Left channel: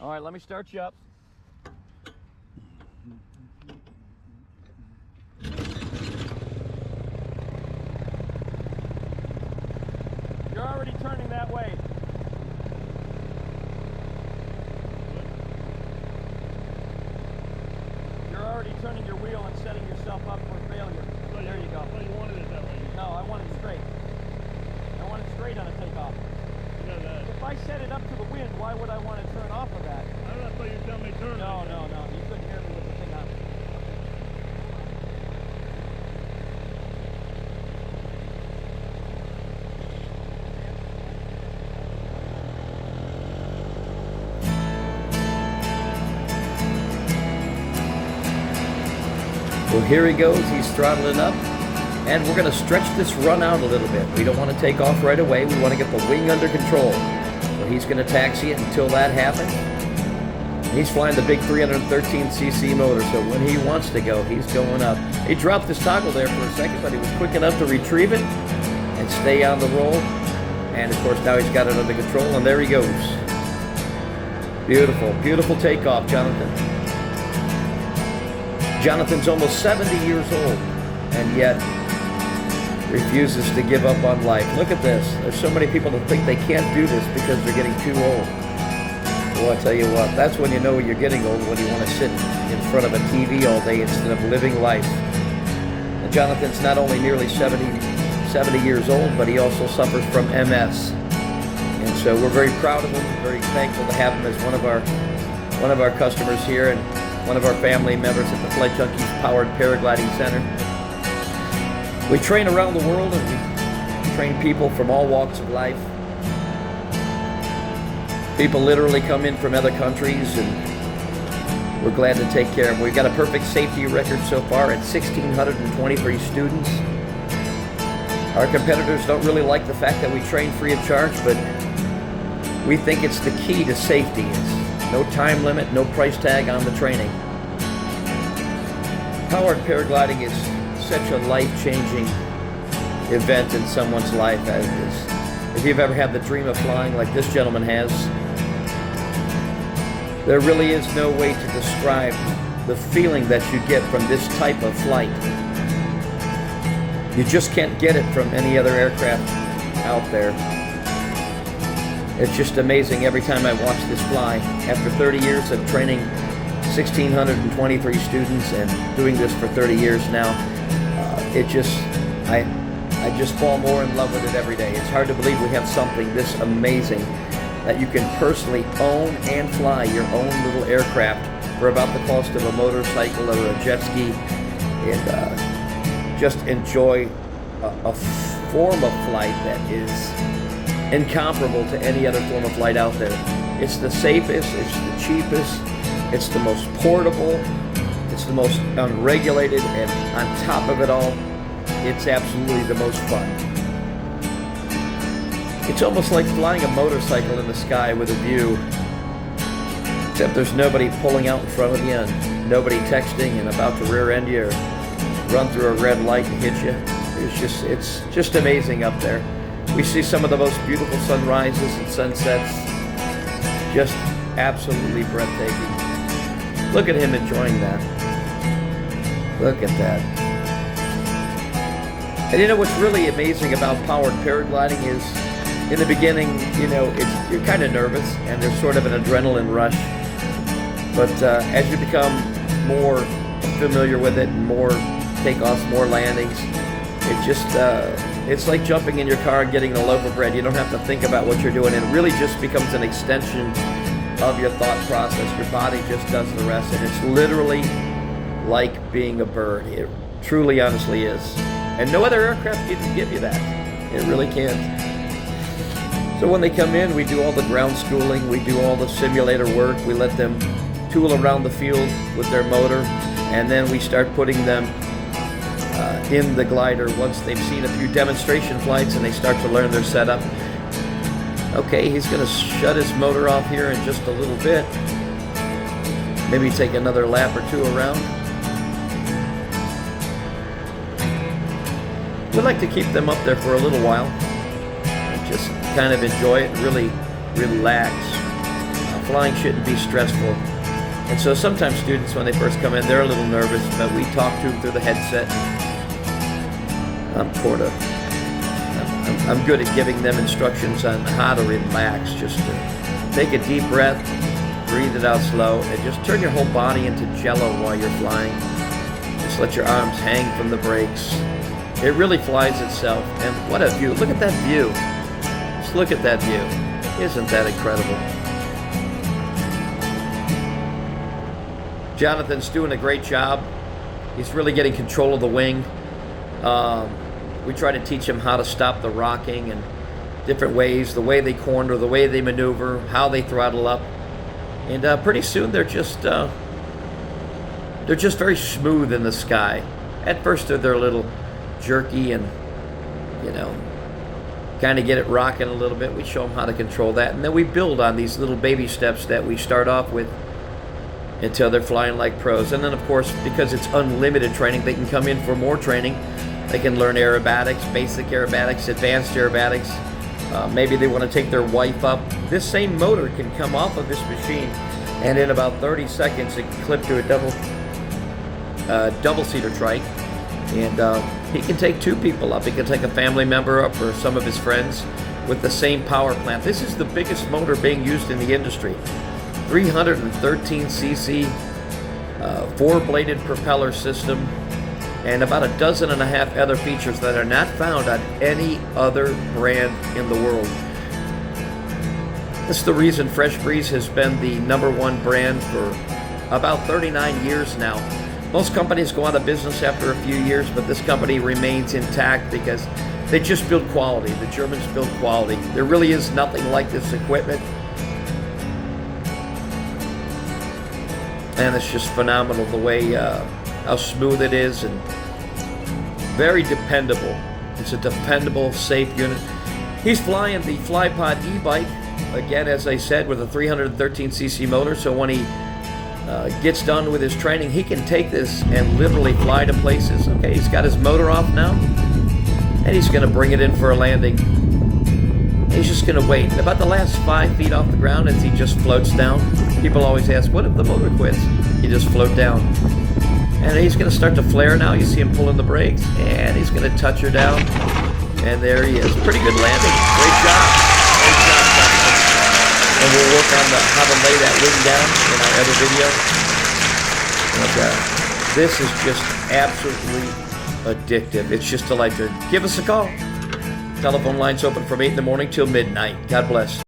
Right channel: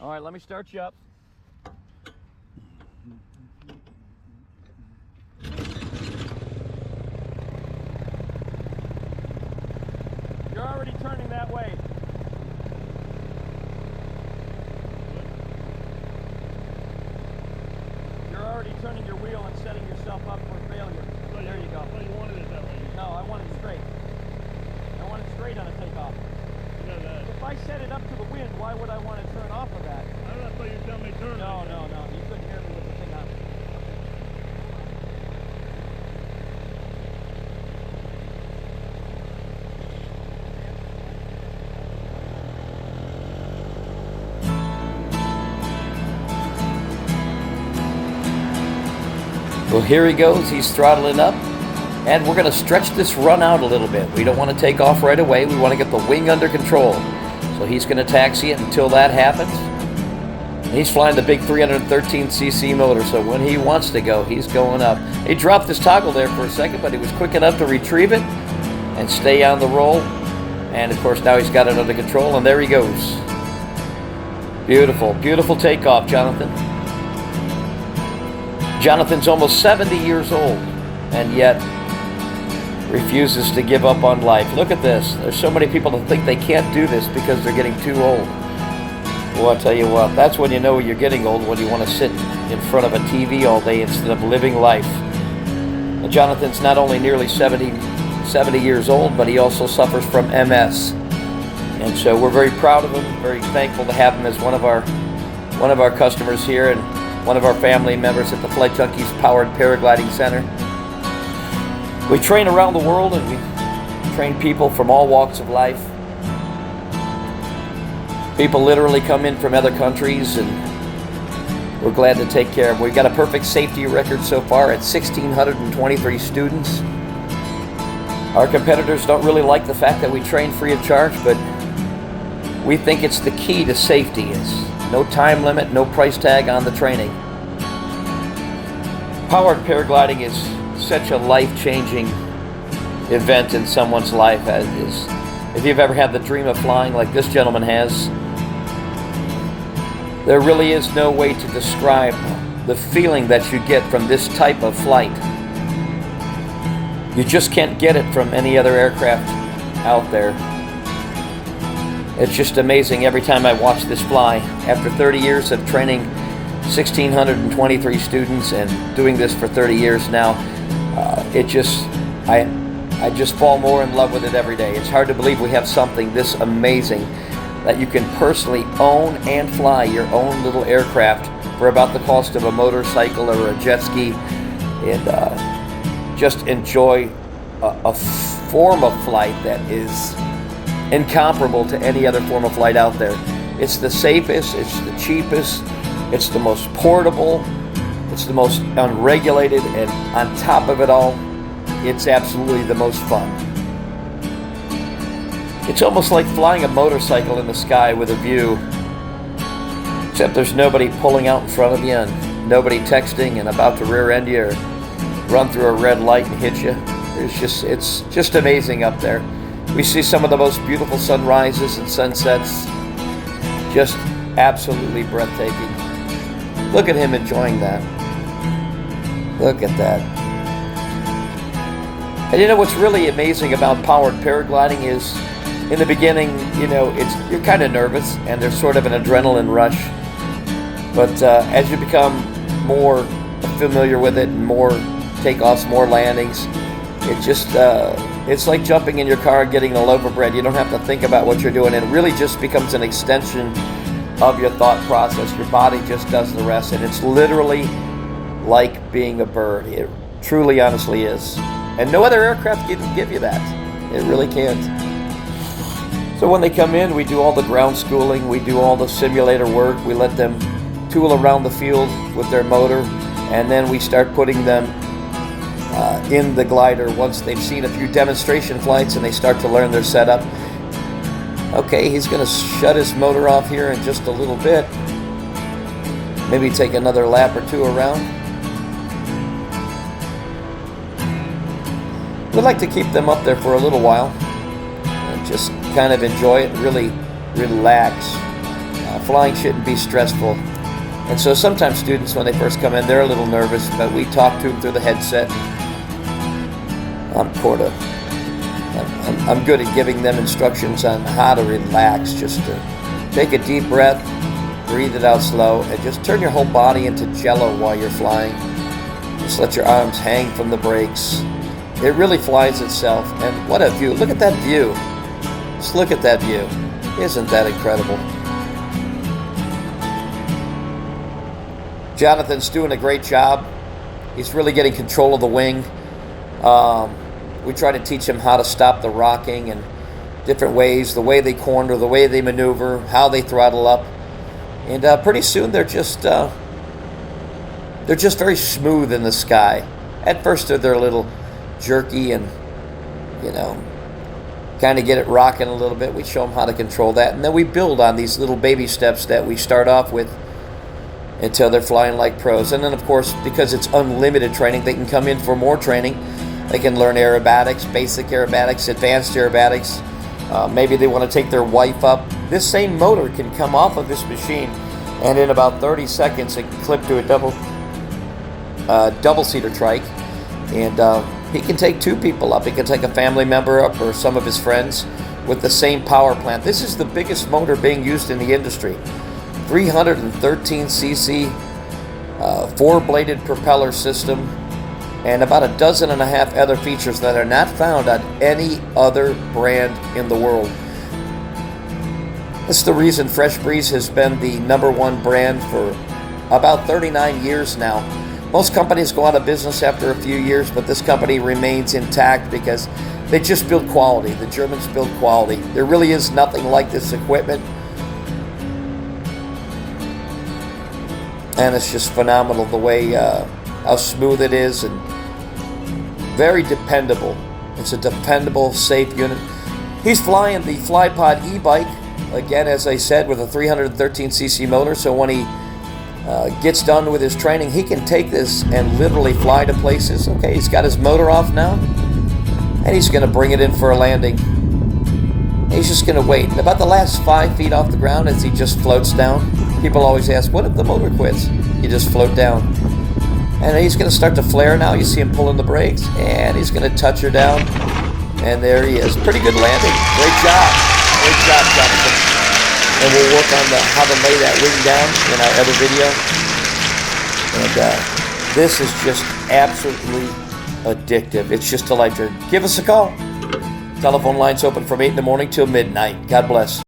All right, let me start you up. You're already turning that way. You're already turning your wheel and setting yourself up for failure. So there you go. So you wanted it that way? No, I want it straight. I want it straight on a takeoff. You know that. If I set it up to the wind, why would I want to turn off of that? I don't know, I thought you were telling me turn. No, no, no. You couldn't hear me with the thing on. Well, here he goes. He's throttling up. And we're going to stretch this run out a little bit. We don't want to take off right away. We want to get the wing under control. So he's going to taxi it until that happens. And he's flying the big 313cc motor, so when he wants to go, he's going up. He dropped his toggle there for a second, but he was quick enough to retrieve it and stay on the roll. And of course, now he's got it under control, and there he goes. Beautiful, beautiful takeoff, Jonathan. Jonathan's almost 70 years old, and yet refuses to give up on life. Look at this. There's so many people that think they can't do this because they're getting too old. Well, I'll tell you what, that's when you know you're getting old, when you want to sit in front of a TV all day instead of living life. And Jonathan's not only nearly 70 years old, but he also suffers from MS. And so we're very proud of him, very thankful to have him as one of our customers here and one of our family members at the Flight Junkies Powered Paragliding Center. We train around the world, and we train people from all walks of life. People literally come in from other countries, and we're glad to take care of them. We've got a perfect safety record so far at 1,623 students. Our competitors don't really like the fact that we train free of charge, but we think it's the key to safety. It's no time limit, no price tag on the training. Powered paragliding is such a life-changing event in someone's life, as is. If you've ever had the dream of flying like this gentleman has, there really is no way to describe the feeling that you get from this type of flight. You just can't get it from any other aircraft out there. It's just amazing every time I watch this fly. After 30 years of training 1,623 students and doing this for 30 years now, I just fall more in love with it every day. It's hard to believe we have something this amazing that you can personally own and fly your own little aircraft for about the cost of a motorcycle or a jet ski, and just enjoy a form of flight that is incomparable to any other form of flight out there. It's the safest, it's the cheapest, it's the most portable, it's the most unregulated, and on top of it all, it's absolutely the most fun. It's almost like flying a motorcycle in the sky with a view, except there's nobody pulling out in front of you and nobody texting and about to rear end you or run through a red light and hit you. It's just amazing up there. We see some of the most beautiful sunrises and sunsets, just absolutely breathtaking. Look at him enjoying that. Look at that. And you know what's really amazing about powered paragliding is, in the beginning, you know, you're kind of nervous and there's sort of an adrenaline rush. But as you become more familiar with it and more takeoffs, more landings, it just it's like jumping in your car and getting a loaf of bread. You don't have to think about what you're doing. It really just becomes an extension of your thought process. Your body just does the rest, and it's literally like being a bird. It truly, honestly is. And no other aircraft can give you that. It really can't. So when they come in, we do all the ground schooling, we do all the simulator work, we let them tool around the field with their motor, and then we start putting them in the glider once they've seen a few demonstration flights and they start to learn their setup. Okay, he's going to shut his motor off here in just a little bit. Maybe take another lap or two around. We like to keep them up there for a little while and just kind of enjoy it and really relax. Flying shouldn't be stressful. And so sometimes students, when they first come in, they're a little nervous, but we talk to them through the headset. I'm good at giving them instructions on how to relax. Just to take a deep breath, breathe it out slow, and just turn your whole body into jello while you're flying. Just let your arms hang from the brakes. It really flies itself. And what a view. Look at that view. Just look at that view. Isn't that incredible? Jonathan's doing a great job. He's really getting control of the wing. We try to teach him how to stop the rocking and different ways, the way they corner, the way they maneuver, how they throttle up. And pretty soon they're just very smooth in the sky. At first they're a little jerky and, you know, kind of get it rocking a little bit. We show them how to control that. And then we build on these little baby steps that we start off with until they're flying like pros. And then, of course, because it's unlimited training, they can come in for more training. They can learn aerobatics, basic aerobatics, advanced aerobatics. Maybe they want to take their wife up. This same motor can come off of this machine, and in about 30 seconds, it can clip to a double-seater trike. And he can take 2 people up. He can take a family member up or some of his friends with the same power plant. This is the biggest motor being used in the industry. 313 cc, 4-bladed propeller system, and about 12.5 other features that are not found on any other brand in the world. That's the reason Fresh Breeze has been the #1 brand for about 39 years now. Most companies go out of business after a few years, but this company remains intact because they just build quality. The Germans build quality. There really is nothing like this equipment. And it's just phenomenal the way how smooth it is and very dependable. It's a dependable, safe unit. He's flying the FLY-POD E-bike, again, as I said, with a 313 cc motor. So when he gets done with his training, he can take this and literally fly to places. Okay, he's got his motor off now, and he's going to bring it in for a landing. He's just going to wait. About the last 5 feet off the ground as he just floats down. People always ask, what if the motor quits? You just float down. And he's going to start to flare now. You see him pulling the brakes, and he's going to touch her down. And there he is. Pretty good landing. Great job. Great job, Jonathan. And we'll work on how to lay that wing down in our other video. And this is just absolutely addictive. It's just electric. Give us a call. Telephone line's open from 8 in the morning till midnight. God bless.